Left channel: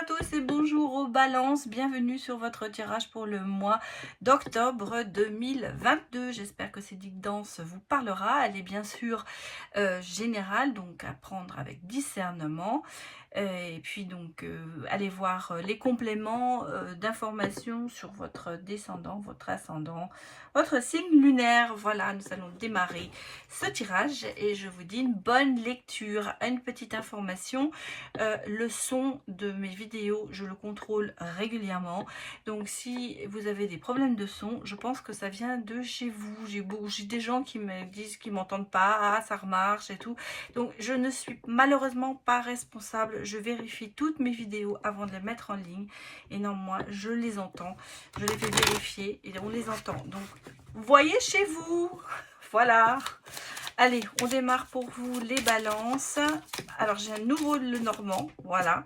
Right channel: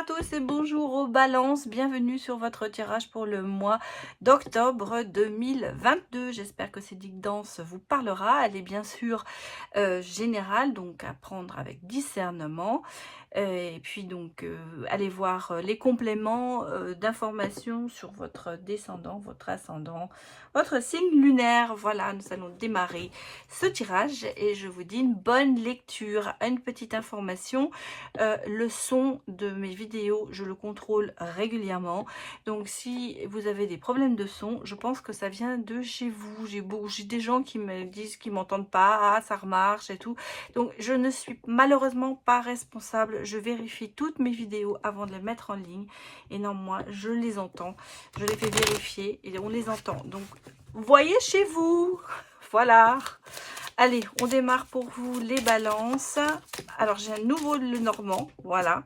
à tous et bonjour aux balances, bienvenue sur votre tirage pour le mois d'octobre 2022. J'espère que cette guidance vous parlera. Elle est bien sûr générale, donc à prendre avec discernement. Et puis donc allez voir les compléments d'informations sur votre descendant, votre ascendant, votre signe lunaire. Voilà, nous allons démarrer ce tirage et je vous dis une bonne lecture. Une petite information, le son de mes vidéos, je le contrôle régulièrement. Donc si vous avez des problèmes de son, je pense que ça vient de chez vous. J'ai des gens qui me disent qu'ils m'entendent pas, ah, ça remarche et tout. Donc je ne suis malheureusement pas responsable. Je vérifie toutes mes vidéos avant de les mettre en ligne. Et non, moi, je les entends. Je les fais vérifier et on les entend. Donc, voyez chez vous. Voilà. Allez, on démarre pour vous les balances. Alors, j'ai un nouveau le Normand. Voilà.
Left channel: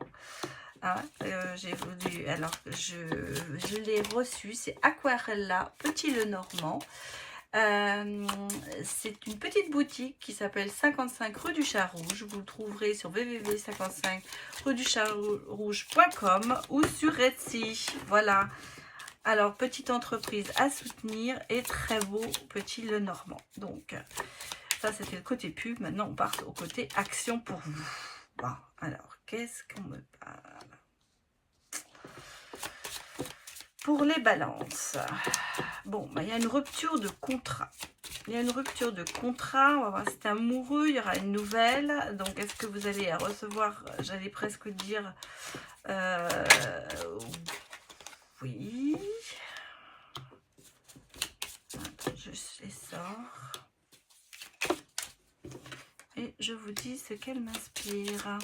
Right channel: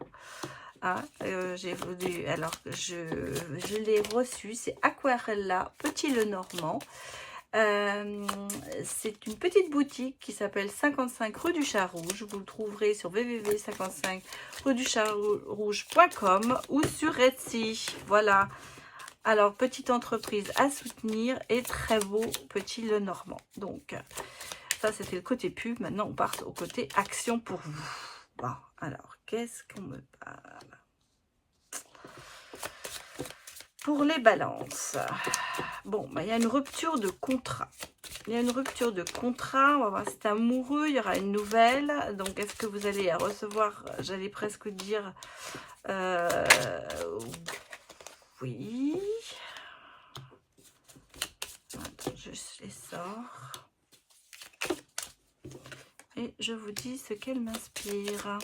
Ah, alors, je l'ai reçu. C'est Aquarella, petit le Normand. C'est une petite boutique qui s'appelle 55 rue du Chat Rouge. Vous le trouverez sur www.55rue-du-chat-rouge.com ou sur Etsy. Voilà. Alors, petite entreprise à soutenir et très beau petit le Normand. Donc, ça c'était le côté pub. Maintenant, on part au côté action pour vous. Bon, alors, qu'est-ce qu'on me parle? Pour les balances, bon, bah, il y a une rupture de contrat. Il y a une rupture de contrat. On va voir si c'est amoureux. Il y aura une nouvelle. Donc, est-ce que vous allez recevoir, j'allais presque dire, oui. Attends, je les sors. Et je vous dis ce qu'elle m'inspire.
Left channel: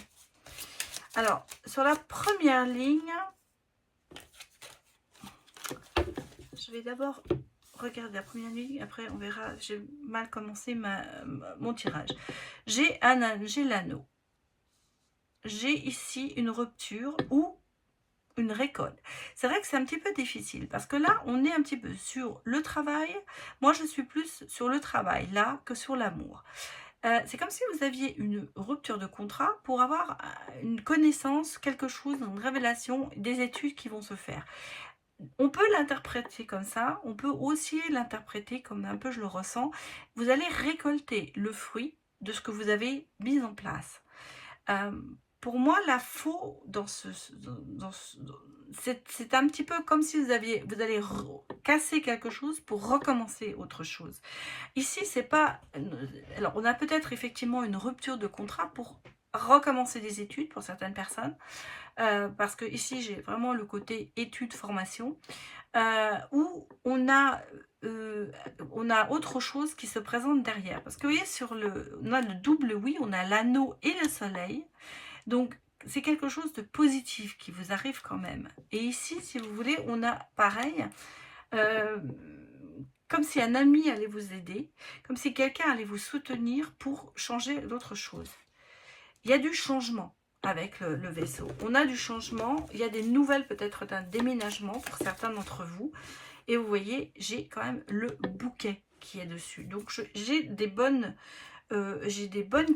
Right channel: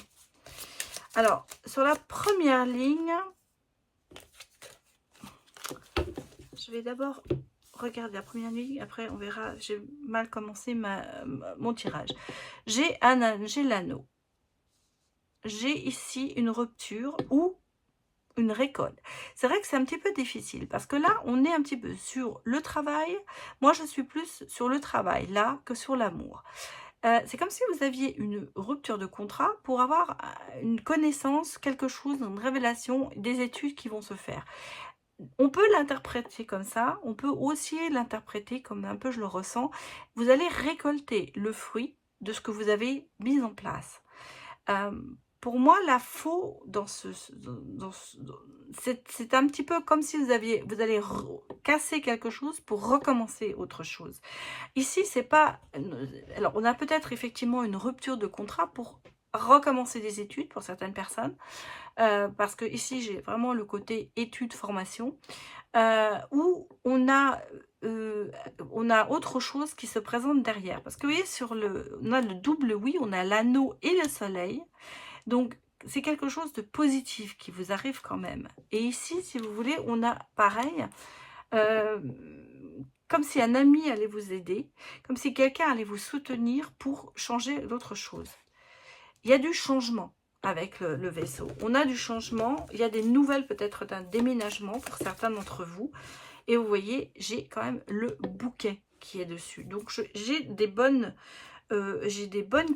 Alors, sur la première ligne, je vais d'abord regarder la première ligne, après on verra. J'ai mal commencé mon tirage. J'ai l'anneau. J'ai ici une rupture ou une récolte. C'est vrai que c'est un petit peu difficile parce que là, on est un petit peu sur le travail. Moi, je suis plus sur le travail là que sur l'amour. C'est comme si vous aviez une rupture de contrat pour avoir une connaissance, quelque chose, une révélation, des études qui vont se faire. On peut l'interpréter comme ça, on peut aussi l'interpréter comme un peu je le ressens. Vous allez récolter le fruit de ce que vous avez mis en place. Pour moi, la faux c'est un petit peu comme si vous allez casser quelque chose pour recommencer autre chose. Ici, c'est pas... Alors, on a peut-être effectivement une rupture de contrat pour recommencer des études pour certaines personnes. Parce que ici, j'ai vraiment le côté études-formation. Où on a autre chose qui se présente derrière. Parce que vous voyez, on a le double oui, on a l'anneau et le soleil. Donc, c'est quelque chose de positif qui vous arrive quand même. Et ici, si vous voulez, on a pareil, comme si un ami allait vous aider, comme si quelqu'un allait vous soutenir pour changer d'autres choses. Il y a du changement avec le vaisseau. On a du changement, il y a des nouvelles peut-être d'un déménagement pour certains d'entre vous. Et vous voyez, j'ai quand même le bouquet qui est dessus. Donc, j'ai des bonnes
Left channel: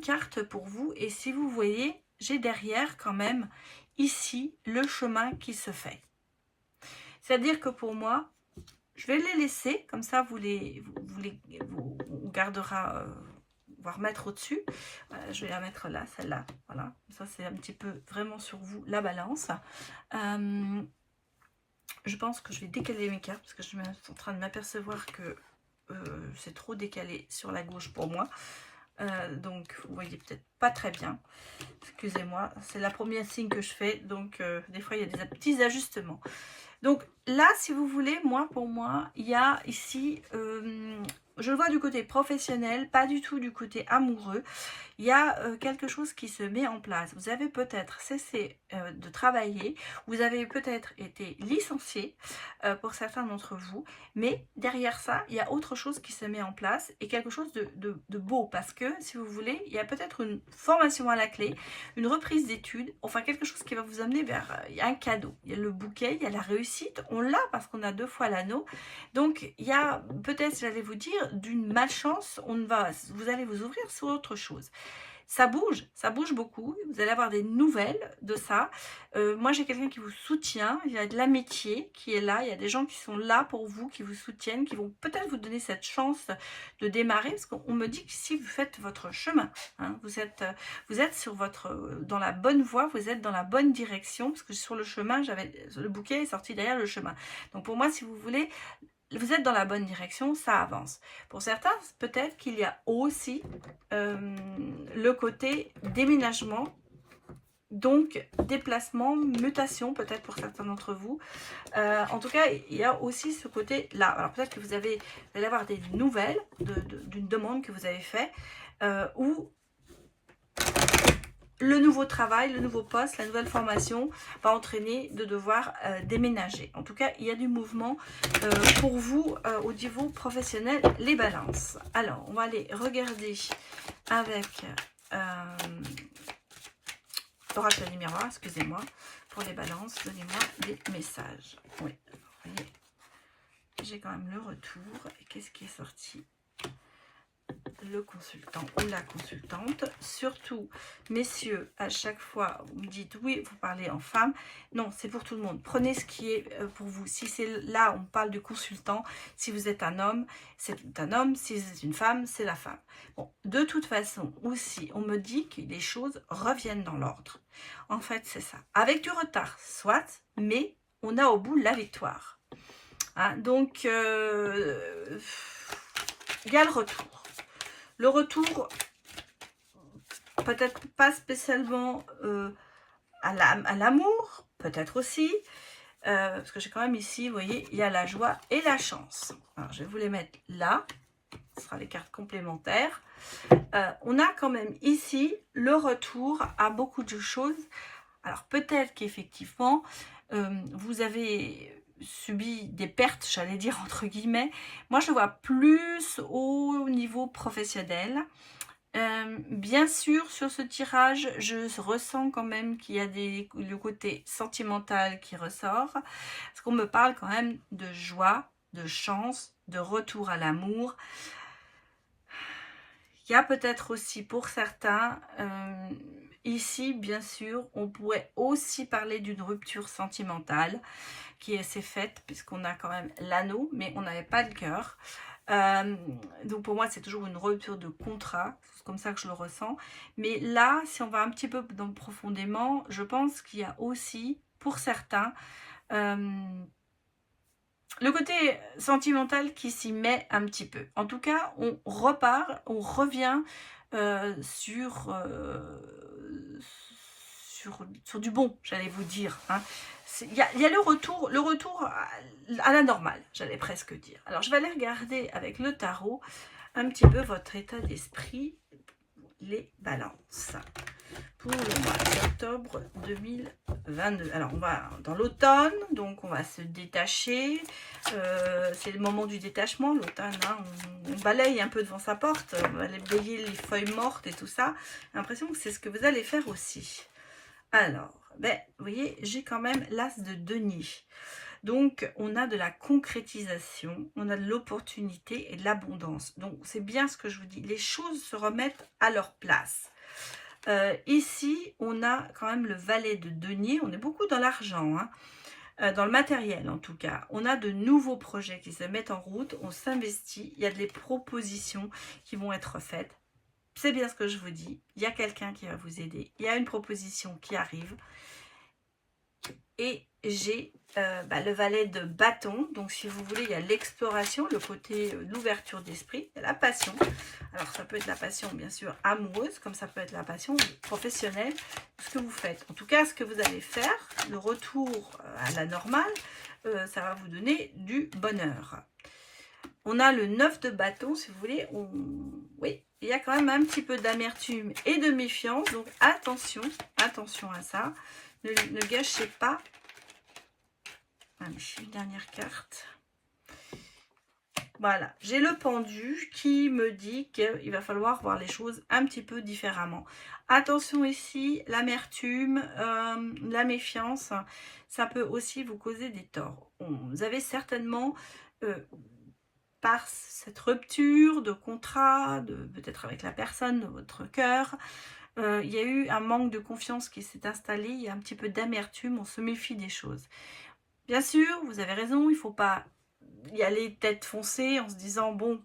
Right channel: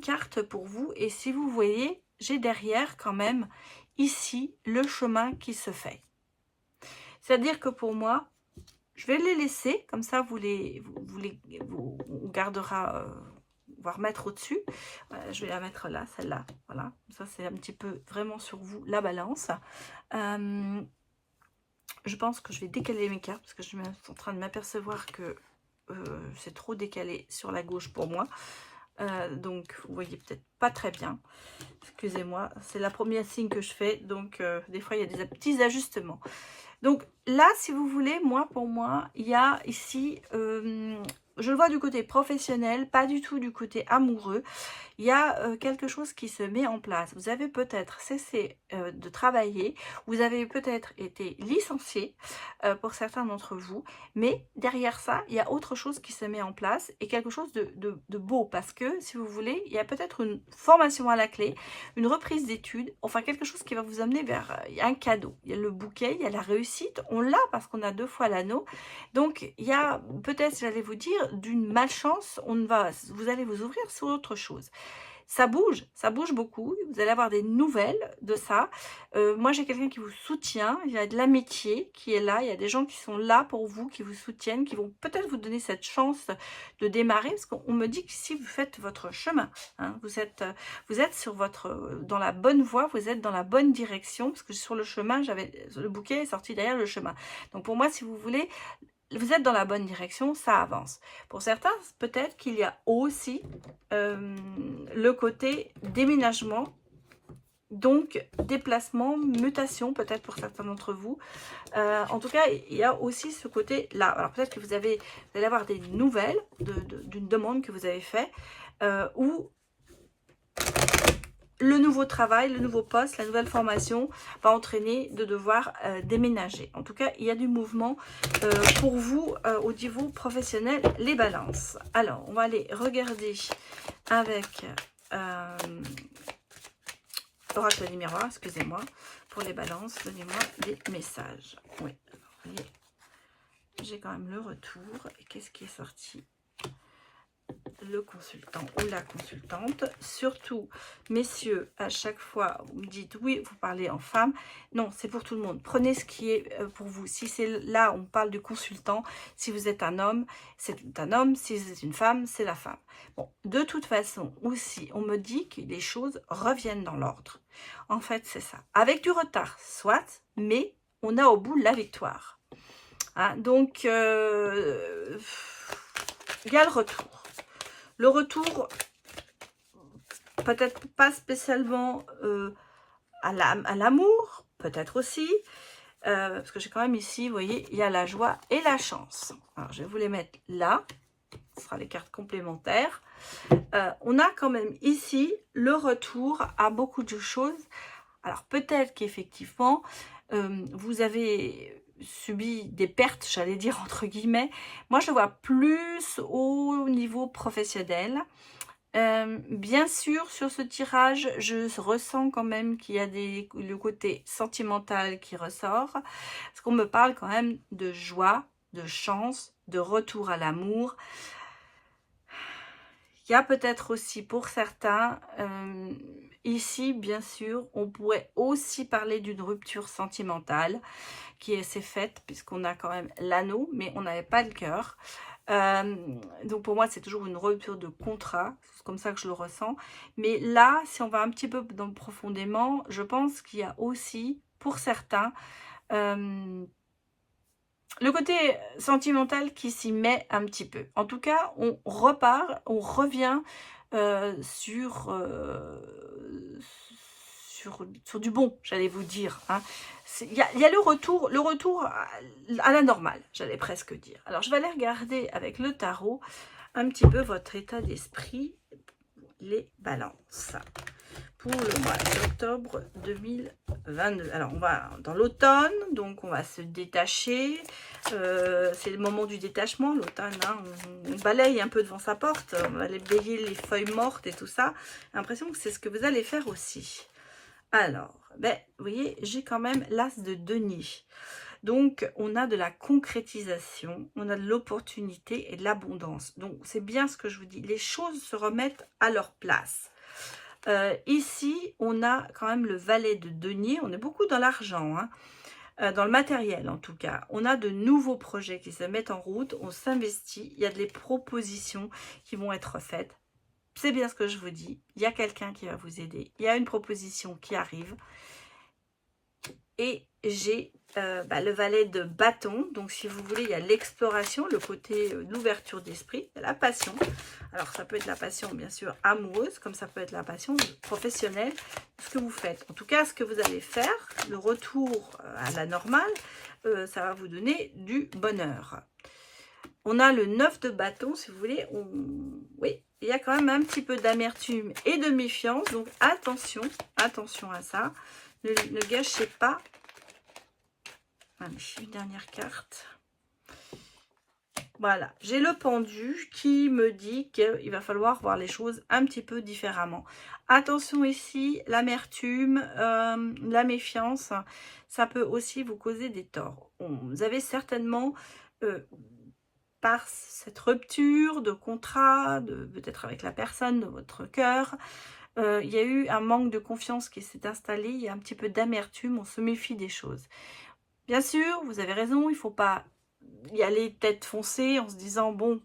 cartes pour vous. Et si vous voyez, j'ai derrière quand même ici le chemin qui se fait. C'est-à-dire que pour moi, je vais les laisser, comme ça on gardera, on va remettre au-dessus. Je vais la mettre là, celle-là. Voilà, ça c'est un petit peu vraiment sur vous, la balance. Je pense que je vais décaler mes cartes parce que je suis en train de m'apercevoir que c'est trop décalé sur la gauche pour moi. Donc vous voyez peut-être pas très bien, excusez-moi, c'est la première signe que je fais, donc des fois il y a des petits ajustements. Donc là, si vous voulez, pour moi, il y a ici, je le vois du côté professionnel, pas du tout du côté amoureux. Il y a quelque chose qui se met en place. Vous avez peut-être cessé de travailler, vous avez peut-être été licencié pour certains d'entre vous, mais derrière ça, il y a autre chose qui se met en place et quelque chose de beau parce que, si vous voulez, il y a peut-être une formation à la clé, une reprise d'études, enfin quelque chose qui va vous amener vers un cadeau. Il y a le bouquet, il y a la réussite, on l'a parce qu'on a 2 fois l'anneau. Donc, il y a peut-être, j'allais vous dire, d'une malchance, vous allez vous ouvrir sur autre chose. ça bouge beaucoup. Vous allez avoir des nouvelles de ça. Moi, j'ai quelqu'un qui vous soutient. Il y a de l'amitié qui est là. Il y a des gens qui sont là pour vous, qui vous soutiennent, qui vont peut-être vous donner cette chance de démarrer. Parce qu'on me dit que si vous faites votre chemin, hein, vous êtes sur dans la bonne voie, vous êtes dans la bonne direction. Parce que sur le chemin, le bouquet est sorti derrière le chemin. Donc pour moi, si vous voulez, vous êtes dans la bonne direction, ça avance. Pour certains, peut-être qu'il y a aussi le côté déménagement, donc déplacement, mutation, peut-être pour certains d'entre vous. En tout cas, il y a aussi ce côté-là. Alors peut-être que vous allez avoir des nouvelles d'une demande que vous avez faite, ou le nouveau travail, le nouveau poste, la nouvelle formation va entraîner de devoir déménager. En tout cas, il y a du mouvement pour vous au niveau professionnel, les balances. Alors, on va aller regarder avec Oracle du miroir, excusez-moi, pour les balances. Donnez-moi des messages. Oui, vous voyez, j'ai quand même le retour. Et qu'est-ce qui est sorti ? Le consultant ou la consultante. Surtout, messieurs, à chaque fois, vous me dites oui, vous parlez en femme. Non, c'est pour tout le monde. Prenez ce qui est pour vous. Si c'est là, on parle du consultant. Si vous êtes un homme, c'est un homme. Si c'est une femme, c'est la femme. Bon, de toute façon, aussi, on me dit que les choses reviennent dans l'ordre. En fait, c'est ça. Avec du retard, soit, mais on a au bout la victoire. Hein, donc, il y a le retour. Le retour, peut-être pas spécialement à l'amour, peut-être aussi, parce que j'ai quand même ici, vous voyez, il y a la joie et la chance. Alors, je vais vous les mettre là, ce sera les cartes complémentaires. On a quand même ici le retour à beaucoup de choses. Alors, peut-être qu'effectivement, vous avez subi des pertes, j'allais dire entre guillemets. Moi, je vois plus au niveau professionnel. Bien sûr, sur ce tirage, je ressens quand même qu'il y a le côté sentimental qui ressort. Parce qu'on me parle quand même de joie, de chance, de retour à l'amour. Il y a peut-être aussi pour certains, ici, bien sûr, on pourrait aussi parler d'une rupture sentimentale qui s'est faite, puisqu'on a quand même l'anneau, mais on n'avait pas le cœur. Donc pour moi, c'est toujours une rupture de contrat, c'est comme ça que je le ressens. Mais là, si on va un petit peu profondément, je pense qu'il y a aussi, pour certains, le côté sentimental qui s'y met un petit peu. En tout cas, on repart, on revient sur du bon, j'allais vous dire. Hein. Il y a le retour à la normale, j'allais presque dire. Alors, je vais aller regarder avec le tarot un petit peu votre état d'esprit, les balances, pour le mois d'octobre 2022. Alors, on va dans l'automne, donc on va se détacher. C'est le moment du détachement, l'automne. Hein, on balaye un peu devant sa porte, on va aller balayer les feuilles mortes et tout ça. J'ai l'impression que c'est ce que vous allez faire aussi. Alors, ben, vous voyez, j'ai quand même l'as de denier. Donc, on a de la concrétisation, on a de l'opportunité et de l'abondance. Donc, c'est bien ce que je vous dis. Les choses se remettent à leur place. Ici, on a quand même le valet de denier. On est beaucoup dans l'argent, hein, dans le matériel en tout cas. On a de nouveaux projets qui se mettent en route. On s'investit. Il y a des propositions qui vont être faites. C'est bien ce que je vous dis. Il y a quelqu'un qui va vous aider. Il y a une proposition qui arrive. Et j'ai le valet de bâton. Donc, si vous voulez, il y a l'exploration, le côté, l'ouverture d'esprit, la passion. Alors, ça peut être la passion, bien sûr, amoureuse, comme ça peut être la passion professionnelle, ce que vous faites. En tout cas, ce que vous allez faire, le retour à la normale, ça va vous donner du bonheur. On a le 9 de bâton, si vous voulez. Oui, il y a quand même un petit peu d'amertume et de méfiance. Donc, attention à ça. Ne gâchez pas. Allez, une dernière carte. Voilà, j'ai le pendu qui me dit qu'il va falloir voir les choses un petit peu différemment. Attention ici, l'amertume, la méfiance, ça peut aussi vous causer des torts. Vous avez certainement, par cette rupture de contrat, peut-être avec la personne de votre cœur, il y a eu un manque de confiance qui s'est installé, il y a un petit peu d'amertume, on se méfie des choses. Bien sûr, vous avez raison, il ne faut pas y aller tête foncée en se disant, bon,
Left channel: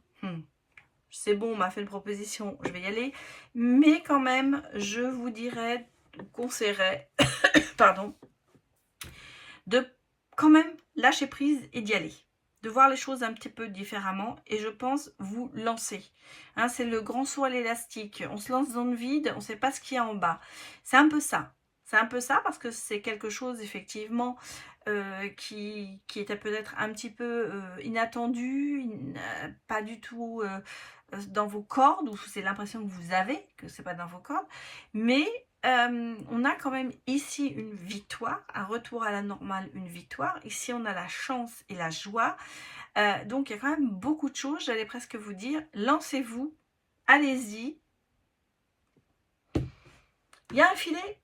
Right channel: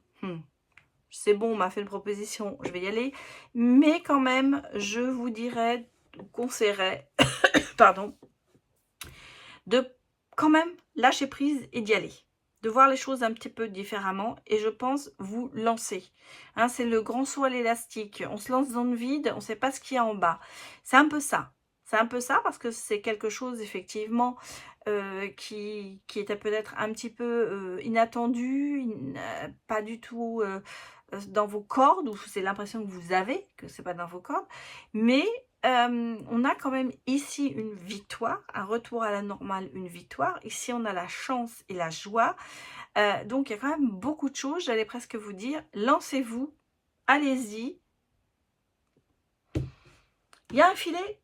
c'est bon, on m'a fait une proposition, je vais y aller. Mais quand même, je vous dirais, conseillerais, pardon, de quand même lâcher prise et d'y aller. De voir les choses un petit peu différemment et je pense vous lancer. Hein, c'est le grand saut à l'élastique. On se lance dans le vide, on ne sait pas ce qu'il y a en bas. C'est un peu ça. C'est un peu ça parce que c'est quelque chose effectivement qui était peut-être un petit peu inattendu, pas du tout dans vos cordes, ou c'est l'impression que vous avez que c'est pas dans vos cordes, mais on a quand même ici une victoire, un retour à la normale, une victoire. Ici, on a la chance et la joie. Donc, il y a quand même beaucoup de choses, j'allais presque vous dire. Lancez-vous, allez-y. Il y a un filet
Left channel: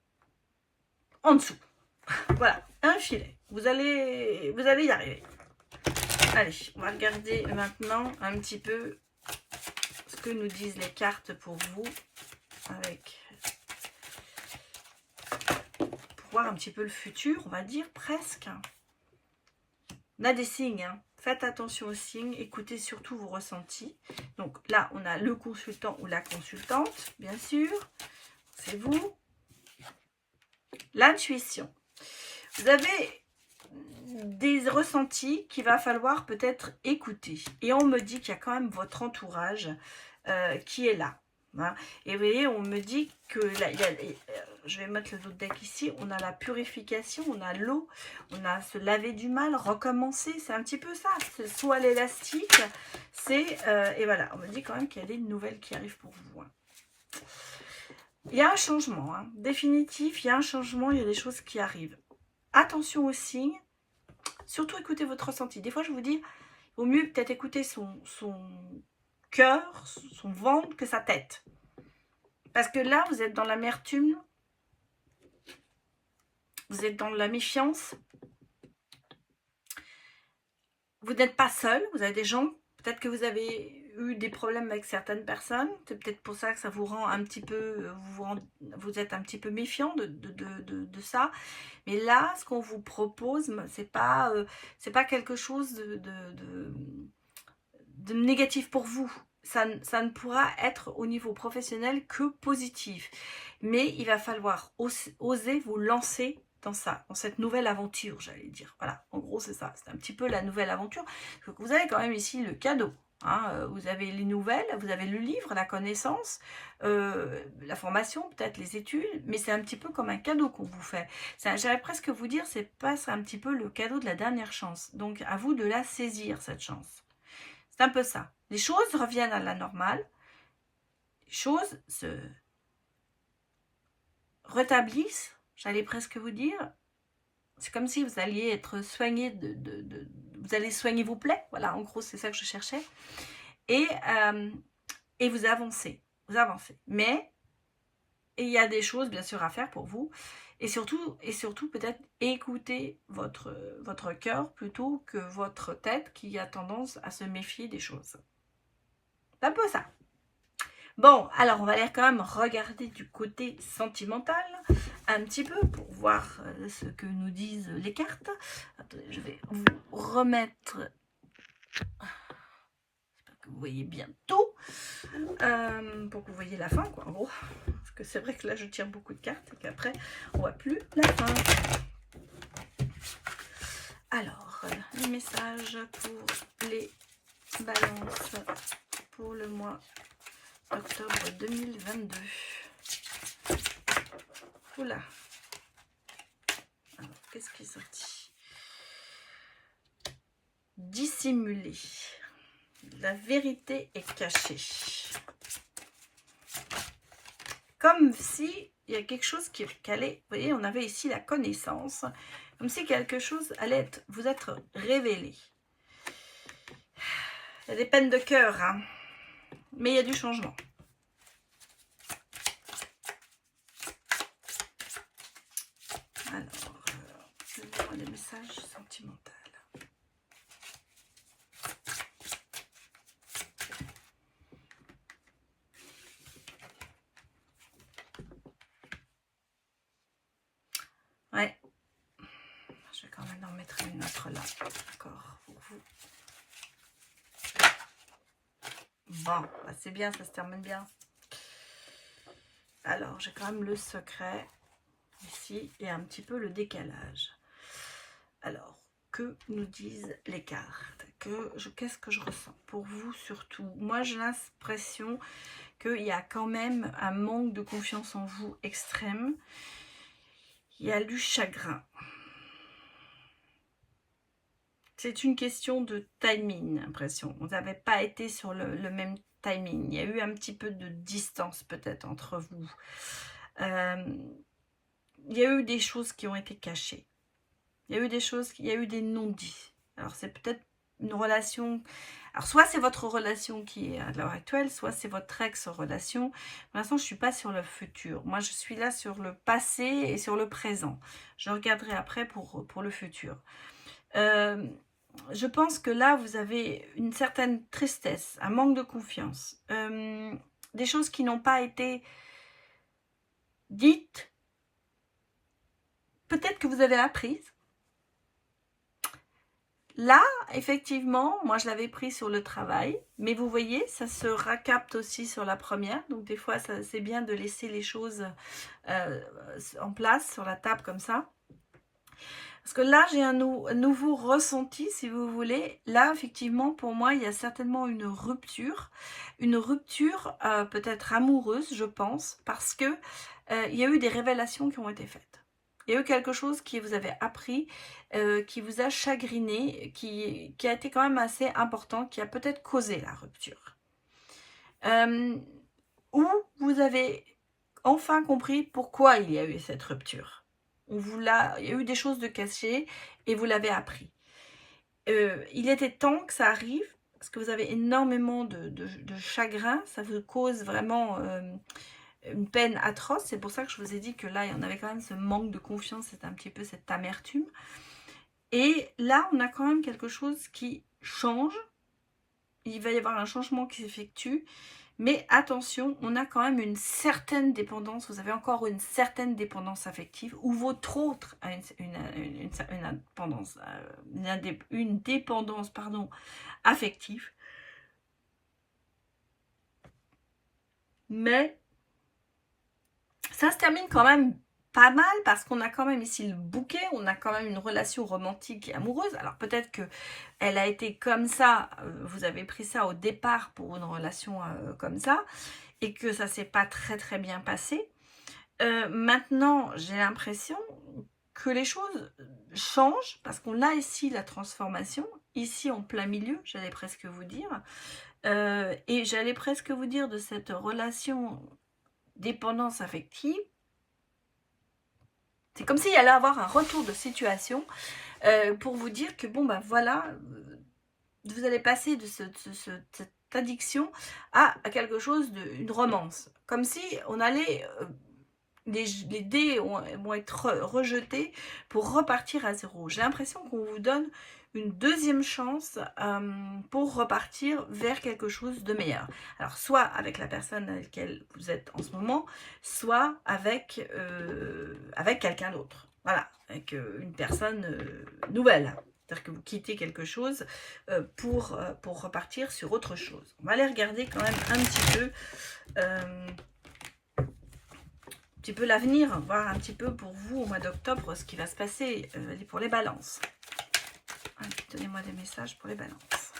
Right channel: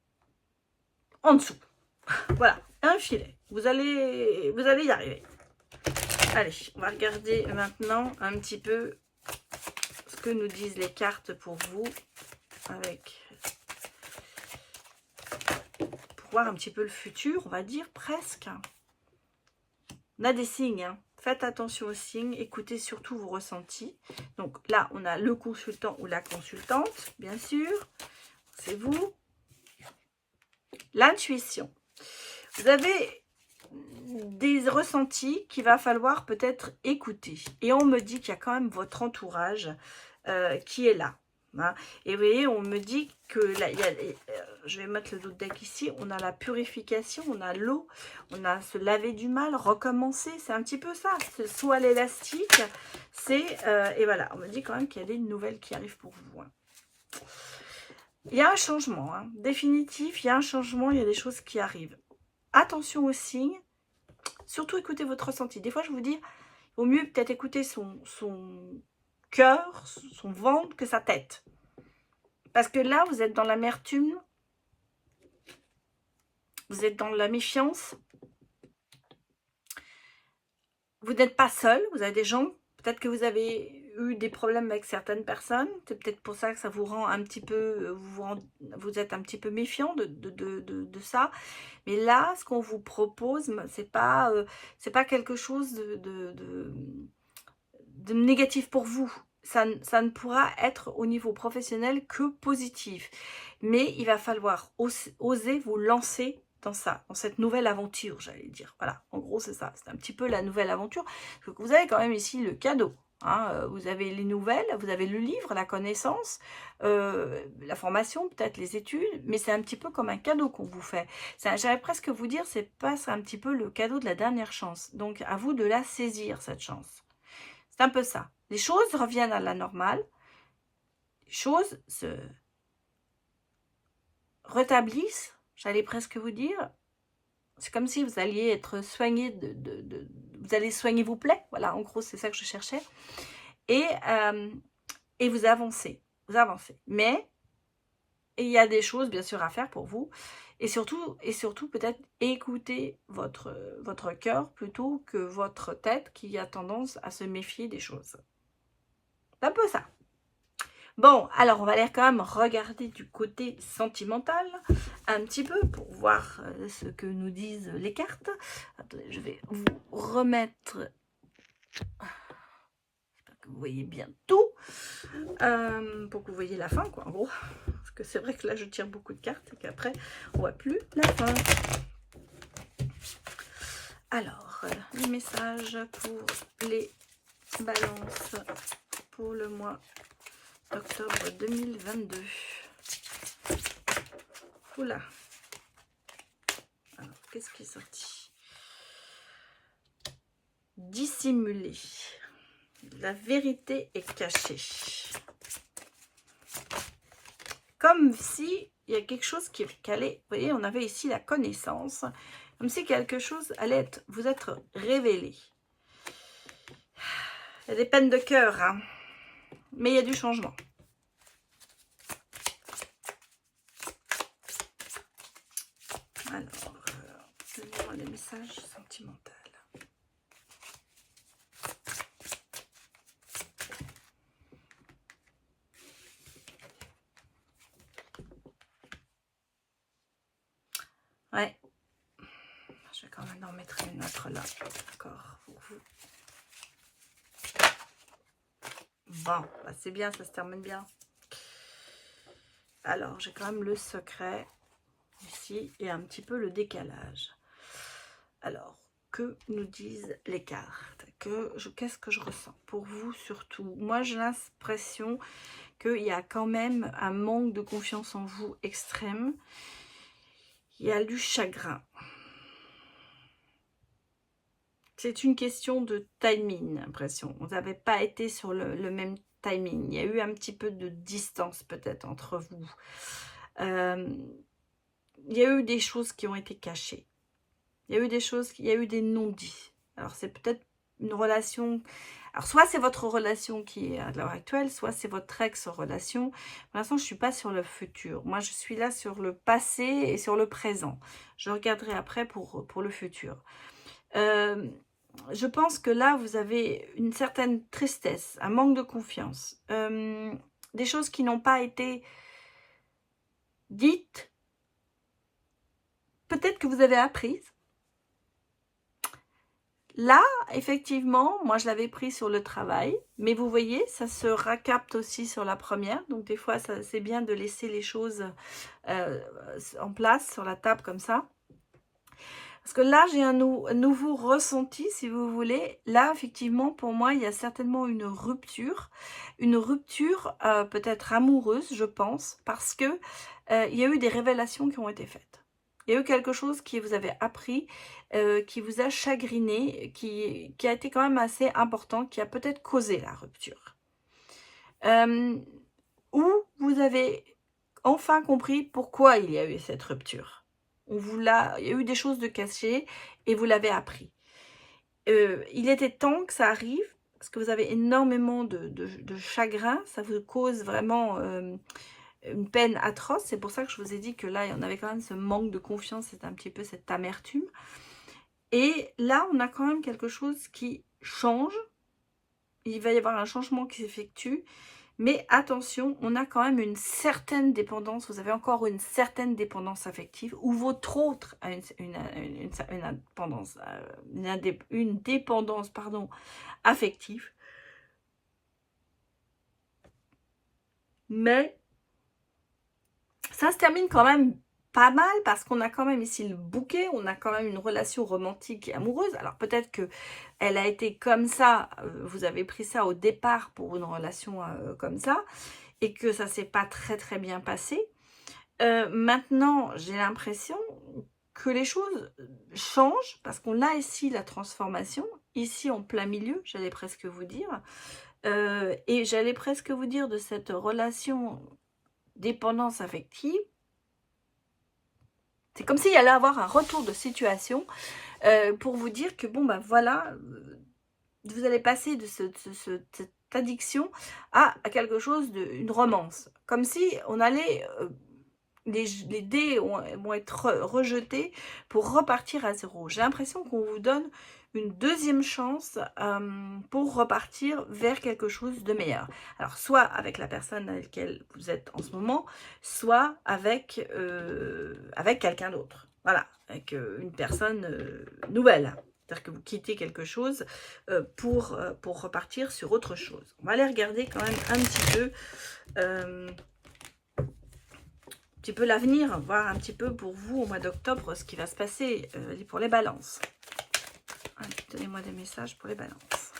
en dessous. Voilà, un filet. Vous allez y arriver. Allez, on va regarder maintenant un petit peu ce que nous disent les cartes pour vous. Pour voir un petit peu le futur, on va dire presque. On a des signes, hein. Faites attention aux signes, écoutez surtout vos ressentis. Donc là, on a le consultant ou la consultante, bien sûr. C'est vous. L'intuition. Vous avez des ressentis qu'il va falloir peut-être écouter. Et on me dit qu'il y a quand même votre entourage qui est là. Hein. Et vous voyez, on me dit que là, je vais mettre le dos de deck ici, on a la purification, on a l'eau, on a se laver du mal, recommencer, c'est un petit peu ça, c'est soit l'élastique, c'est, et voilà, on me dit quand même qu'il y a des nouvelles qui arrivent pour vous. Hein. Il y a un changement, hein, définitif, il y a un changement, il y a des choses qui arrivent. Attention aux signes, surtout écoutez votre ressenti. Des fois, je vous dis, il vaut mieux peut-être écouter son cœur, son ventre que sa tête. Parce que là, vous êtes dans l'amertume, vous êtes dans la méfiance. Vous n'êtes pas seul, vous avez des gens, peut-être que vous avez eu des problèmes avec certaines personnes, c'est peut-être pour ça que ça vous rend un petit peu, vous êtes un petit peu méfiant de ça. Mais là, ce qu'on vous propose, c'est pas quelque chose de négatif pour vous. Ça ne pourra être au niveau professionnel que positif. Mais il va falloir oser vous lancer dans ça, dans cette nouvelle aventure, j'allais dire. Voilà, en gros, c'est ça. C'est un petit peu la nouvelle aventure. Donc, vous avez quand même ici le cadeau. Hein, vous avez les nouvelles, vous avez le livre, la connaissance, la formation, peut-être les études, mais c'est un petit peu comme un cadeau qu'on vous fait. J'allais presque vous dire, c'est un petit peu le cadeau de la dernière chance. Donc, à vous de la saisir, cette chance. C'est un peu ça. Les choses reviennent à la normale. Les choses se rétablissent, j'allais presque vous dire. C'est comme si vous alliez être soigné vous allez soigner vos plaies. Voilà, en gros, c'est ça que je cherchais. Et vous avancez. Vous avancez. Mais il y a des choses, bien sûr, à faire pour vous. Et surtout peut-être écouter votre cœur plutôt que votre tête qui a tendance à se méfier des choses. C'est un peu ça. Bon, alors on va aller quand même regarder du côté sentimental un petit peu pour voir ce que nous disent les cartes. Attendez, je vais vous remettre, j'espère que vous voyez bien tout, pour que vous voyez la fin, quoi, en gros. Parce que c'est vrai que là, je tire beaucoup de cartes et qu'après, on voit plus la fin. Alors, les messages pour les balances pour le mois octobre 2022. Oula. Alors, qu'est-ce qui est sorti? Dissimuler. La vérité est cachée. Comme si il y a quelque chose qui allait... Vous voyez, on avait ici la connaissance. Comme si quelque chose allait vous être révélé. Il y a des peines de cœur, hein. Mais il y a du changement. Alors, je vais voir les messages sentimentaux. Ouais. Je vais quand même en mettre une autre là. D'accord. Bon, bah c'est bien, ça se termine bien. Alors, j'ai quand même le secret ici et un petit peu le décalage. Alors, que nous disent les cartes? Qu'est-ce que je ressens pour vous surtout? Moi, j'ai l'impression qu'il y a quand même un manque de confiance en vous extrême. Il y a du chagrin. C'est une question de timing, j'ai l'impression. Vous n'avez pas été sur le même timing. Il y a eu un petit peu de distance peut-être entre vous. Il y a eu des choses qui ont été cachées. Il y a eu des choses, il y a eu des non-dits. Alors c'est peut-être une relation... Alors soit c'est votre relation qui est à l'heure actuelle, soit c'est votre ex-relation. Pour l'instant, je ne suis pas sur le futur. Moi, je suis là sur le passé et sur le présent. Je regarderai après pour le futur. Je pense que là, vous avez une certaine tristesse, un manque de confiance. Des choses qui n'ont pas été dites. Peut-être que vous avez appris. Là, effectivement, moi je l'avais pris sur le travail, mais vous voyez, ça se raccapte aussi sur la première. Donc des fois, c'est bien de laisser les choses en place sur la table comme ça. Parce que là, j'ai un nouveau ressenti, si vous voulez. Là, effectivement, pour moi, il y a certainement une rupture peut-être amoureuse, je pense, parce que il y a eu des révélations qui ont été faites. Il y a eu quelque chose qui vous avez appris, qui vous a chagriné, qui a été quand même assez important, qui a peut-être causé la rupture. Ou vous avez enfin compris pourquoi il y a eu cette rupture. Il y a eu des choses de cachées et vous l'avez appris. Il était temps que ça arrive, parce que vous avez énormément de chagrin, ça vous cause vraiment... une peine atroce. C'est pour ça que je vous ai dit que là, il y en avait quand même ce manque de confiance, c'est un petit peu cette amertume. Et là, on a quand même quelque chose qui change. Il va y avoir un changement qui s'effectue. Mais attention, on a quand même une certaine dépendance. Vous avez encore une certaine dépendance affective ou votre autre a une dépendance affective. Mais ça se termine quand même pas mal parce qu'on a quand même ici le bouquet, on a quand même une relation romantique et amoureuse. Alors peut-être que elle a été comme ça, vous avez pris ça au départ pour une relation comme ça et que ça s'est pas très bien passé. Maintenant, j'ai l'impression que les choses changent parce qu'on a ici la transformation, ici en plein milieu, j'allais presque vous dire. Et j'allais presque vous dire de cette relation dépendance affective. C'est comme s'il y allait avoir un retour de situation pour vous dire que bon ben voilà, vous allez passer de cette addiction à quelque chose une romance. Comme si on allait, les dés vont être rejetés pour repartir à zéro. J'ai l'impression qu'on vous donne une deuxième chance pour repartir vers quelque chose de meilleur. Alors, soit avec la personne avec laquelle vous êtes en ce moment, soit avec quelqu'un d'autre. Voilà, avec une personne nouvelle. C'est-à-dire que vous quittez quelque chose pour repartir sur autre chose. On va aller regarder quand même un petit peu l'avenir, voir un petit peu pour vous au mois d'octobre ce qui va se passer pour les balances. Donnez-moi des messages pour les balances.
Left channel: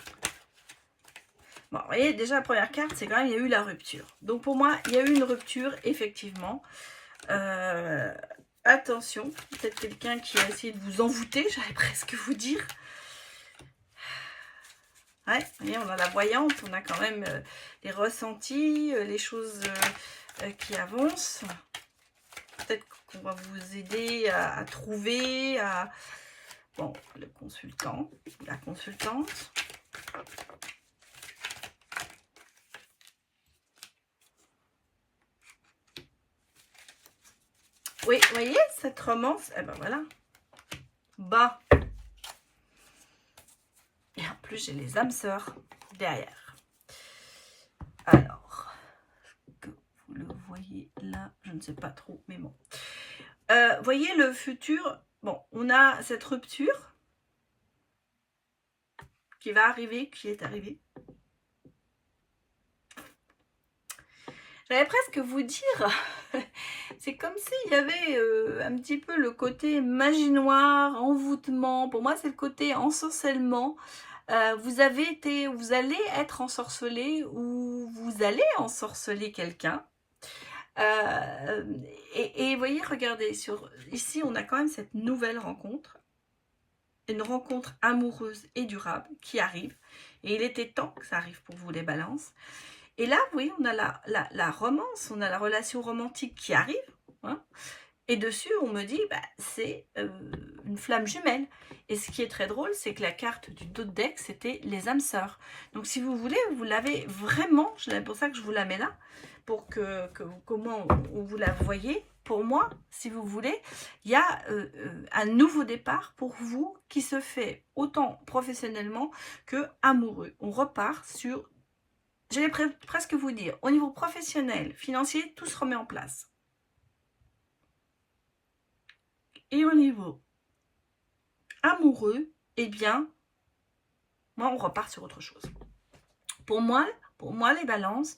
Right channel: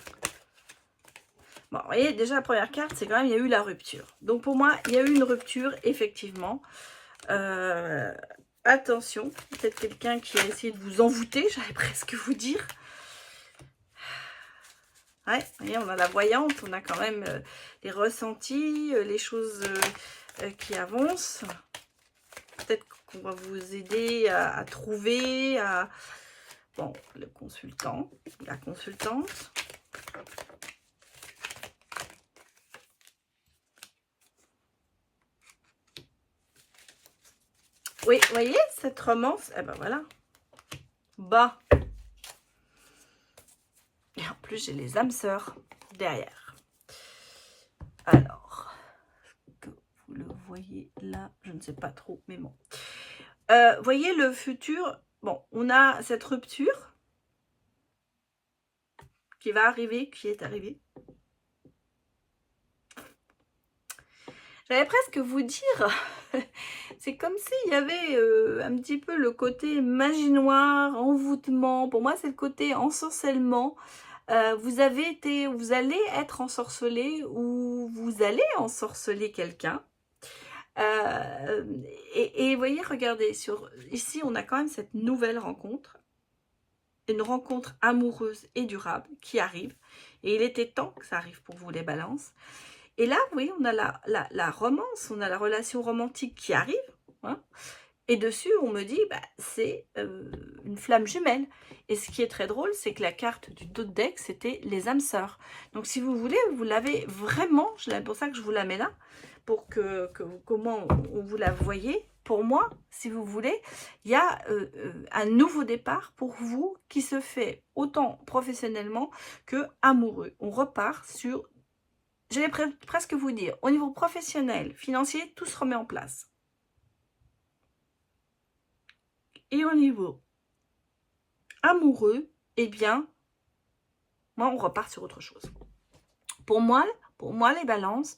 Bon, vous voyez, déjà la première carte, c'est quand même, il y a eu la rupture. Donc pour moi, il y a eu une rupture, effectivement. Attention, peut-être quelqu'un qui a essayé de vous envoûter, j'allais presque vous dire. Ouais, vous voyez, on a la voyante, on a quand même les ressentis, les choses qui avancent. Peut-être qu'on va vous aider à trouver, bon, le consultant, la consultante. Oui, vous voyez, cette romance, eh ben voilà. Bah. Et en plus, j'ai les âmes sœurs derrière. Alors, que vous le voyez là, je ne sais pas trop, mais bon. Voyez le futur, bon, on a cette rupture qui va arriver, qui est arrivée. J'allais presque vous dire, c'est comme s'il y avait un petit peu le côté magie noire, envoûtement. Pour moi, c'est le côté ensorcellement. Vous allez être ensorcelé ou vous allez ensorceler quelqu'un. Et voyez, regardez, ici, on a quand même cette nouvelle rencontre. Une rencontre amoureuse et durable qui arrive. Et il était temps que ça arrive pour vous, les balances. Et là, oui, on a la romance, on a la relation romantique qui arrive. Hein, et dessus, on me dit, bah, c'est une flamme jumelle. Et ce qui est très drôle, c'est que la carte du dos de deck, c'était les âmes sœurs. Donc, si vous voulez, vous l'avez vraiment, c'est pour ça que je vous la mets là, pour comment on vous la voyez. Pour moi, si vous voulez, il y a un nouveau départ pour vous qui se fait autant professionnellement que amoureux. On repart sur, j'allais presque vous dire, au niveau professionnel, financier, tout se remet en place. Et au niveau amoureux, eh bien, moi, on repart sur autre chose. Pour moi les balances,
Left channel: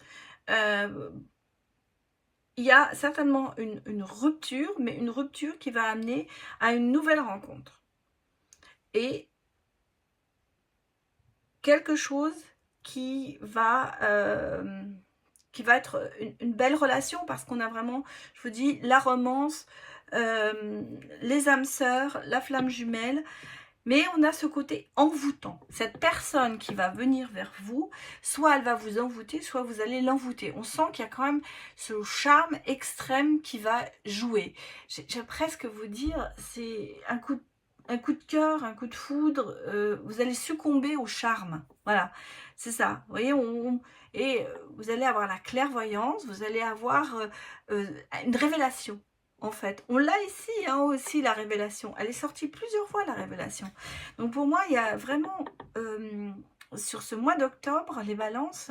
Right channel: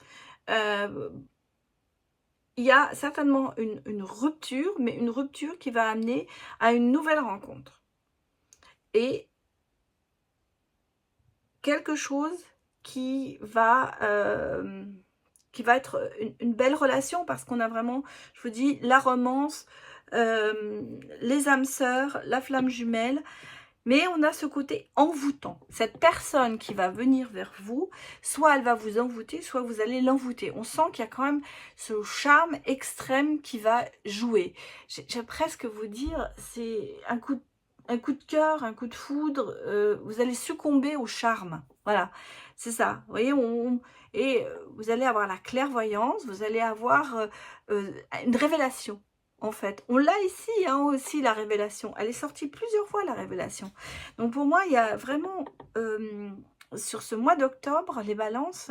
il y a certainement une rupture, mais une rupture qui va amener à une nouvelle rencontre. Et quelque chose qui va être une belle relation, parce qu'on a vraiment, je vous dis, la romance, les âmes sœurs, la flamme jumelle, mais on a ce côté envoûtant. Cette personne qui va venir vers vous, soit elle va vous envoûter, soit vous allez l'envoûter. On sent qu'il y a quand même ce charme extrême qui va jouer. J'ai presque vous dire, c'est un coup de cœur, un coup de foudre, vous allez succomber au charme. Voilà, c'est ça. Vous voyez, vous allez avoir la clairvoyance, vous allez avoir une révélation. En fait, on l'a ici hein, aussi, la révélation. Elle est sortie plusieurs fois, la révélation. Donc pour moi, il y a vraiment, sur ce mois d'octobre, les balances,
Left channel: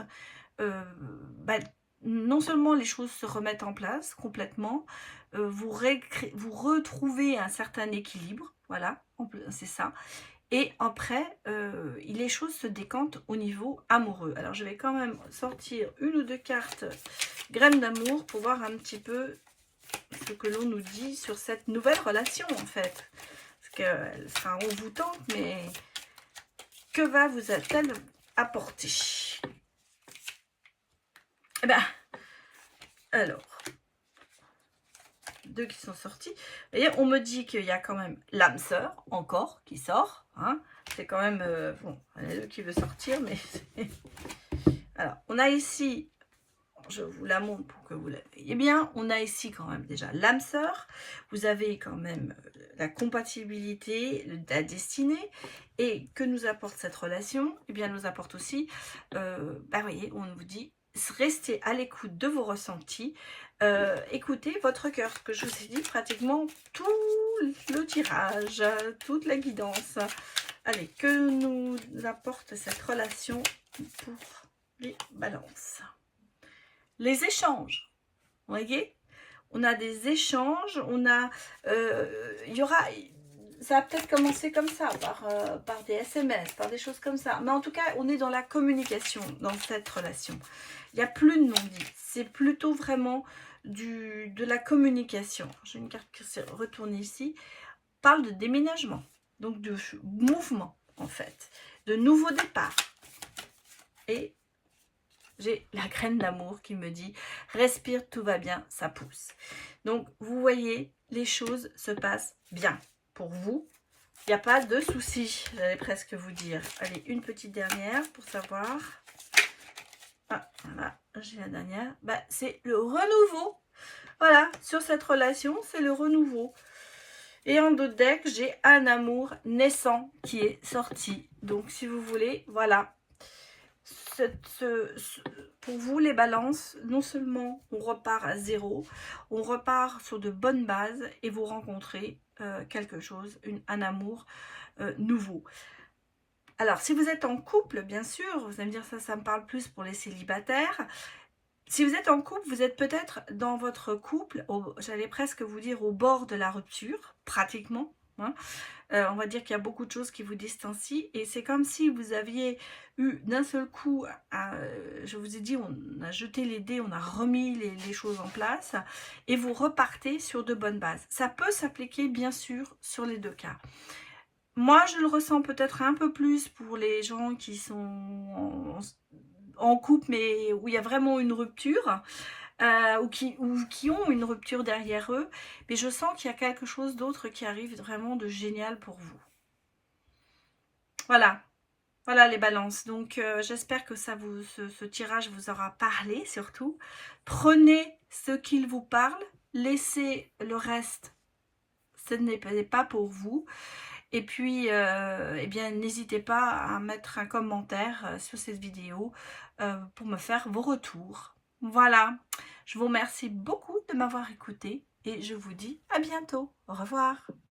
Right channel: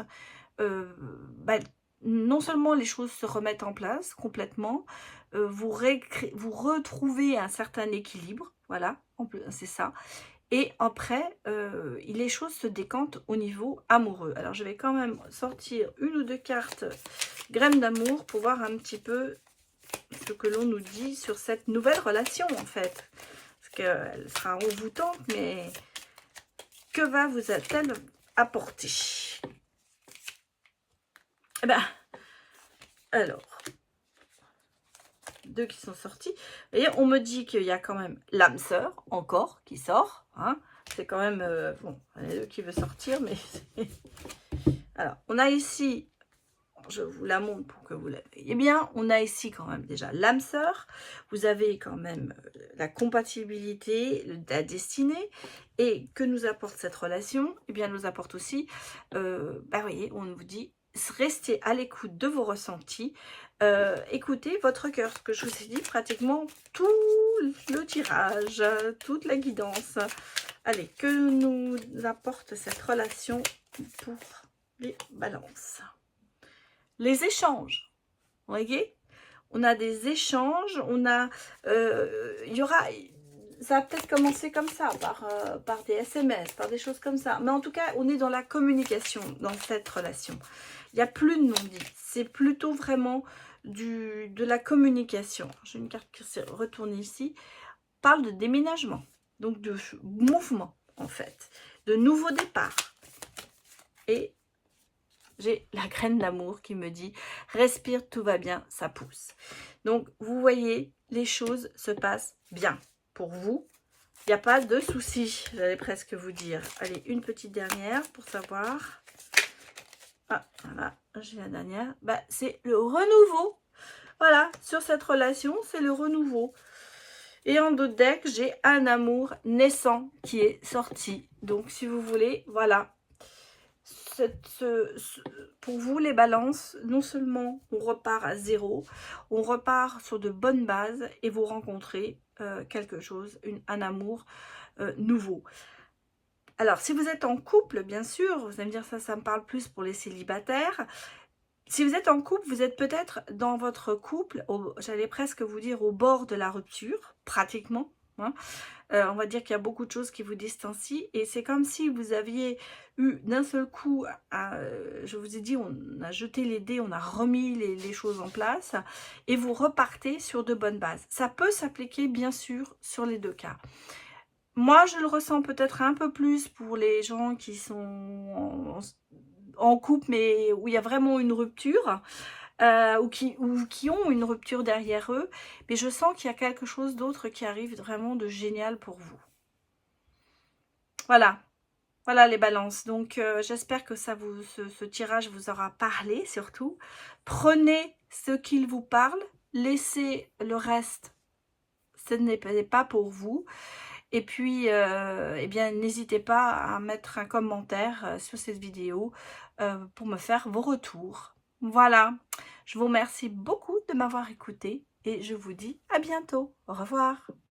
bah, non seulement les choses se remettent en place complètement, vous retrouvez un certain équilibre, voilà, c'est ça. Et après, les choses se décantent au niveau amoureux. Alors, je vais quand même sortir une ou deux cartes graines d'amour pour voir un petit peu ce que l'on nous dit sur cette nouvelle relation, en fait. Parce qu'elle sera envoûtante, mais que vous-a-t-elle apporté? Eh bien, alors, deux qui sont sortis. Vous voyez, on me dit qu'il y a quand même l'âme sœur, encore, qui sort. Hein. C'est quand même... bon, il y en a deux qui veut sortir, mais... alors, on a ici... Je vous la montre pour que vous la voyez bien. On a ici quand même déjà l'âme sœur. Vous avez quand même la compatibilité, la destinée. Et que nous apporte cette relation? Eh bien, elle nous apporte aussi, bah, voyez, on vous dit, restez à l'écoute de vos ressentis. Écoutez votre cœur. Ce que je vous ai dit, pratiquement tout le tirage, toute la guidance. Allez, que nous apporte cette relation pour les balances? Les échanges, vous voyez, on a des échanges, on a, il y aura, ça va peut-être commencer comme ça, par des SMS, par des choses comme ça, mais en tout cas, on est dans la communication, dans cette relation. Il n'y a plus de non-dit, c'est plutôt vraiment de la communication. J'ai une carte qui s'est retournée ici, parle de déménagement, donc de mouvement, en fait, de nouveau départ. Et j'ai la graine d'amour qui me dit « Respire, tout va bien, ça pousse ». Donc, vous voyez, les choses se passent bien. Pour vous, il n'y a pas de souci, j'allais presque vous dire. Allez, une petite dernière pour savoir. Ah, voilà, j'ai la dernière. Bah, c'est le renouveau. Voilà, sur cette relation, c'est le renouveau. Et en dos de deck, j'ai un amour naissant qui est sorti. Donc, si vous voulez, voilà. Pour vous les balances, non seulement on repart à zéro, on repart sur de bonnes bases et vous rencontrez quelque chose, un amour nouveau. Alors si vous êtes en couple, bien sûr, vous allez me dire ça me parle plus pour les célibataires. Si vous êtes en couple, vous êtes peut-être dans votre couple, j'allais presque vous dire au bord de la rupture, pratiquement, hein. On va dire qu'il y a beaucoup de choses qui vous distancient et c'est comme si vous aviez eu d'un seul coup, je vous ai dit, on a jeté les dés, on a remis les choses en place et vous repartez sur de bonnes bases. Ça peut s'appliquer bien sûr sur les deux cas. Moi, je le ressens peut-être un peu plus pour les gens qui sont en couple, mais où il y a vraiment une rupture, ou qui ont une rupture derrière eux. Mais je sens qu'il y a quelque chose d'autre qui arrive vraiment de génial pour vous. Voilà. Voilà les balances. Donc, j'espère que ce tirage vous aura parlé surtout. Prenez ce qu'il vous parle. Laissez le reste. Ce n'est pas pour vous. Et puis, eh bien, n'hésitez pas à mettre un commentaire sur cette vidéo pour me faire vos retours. Voilà, je vous remercie beaucoup de m'avoir écouté et je vous dis à bientôt. Au revoir.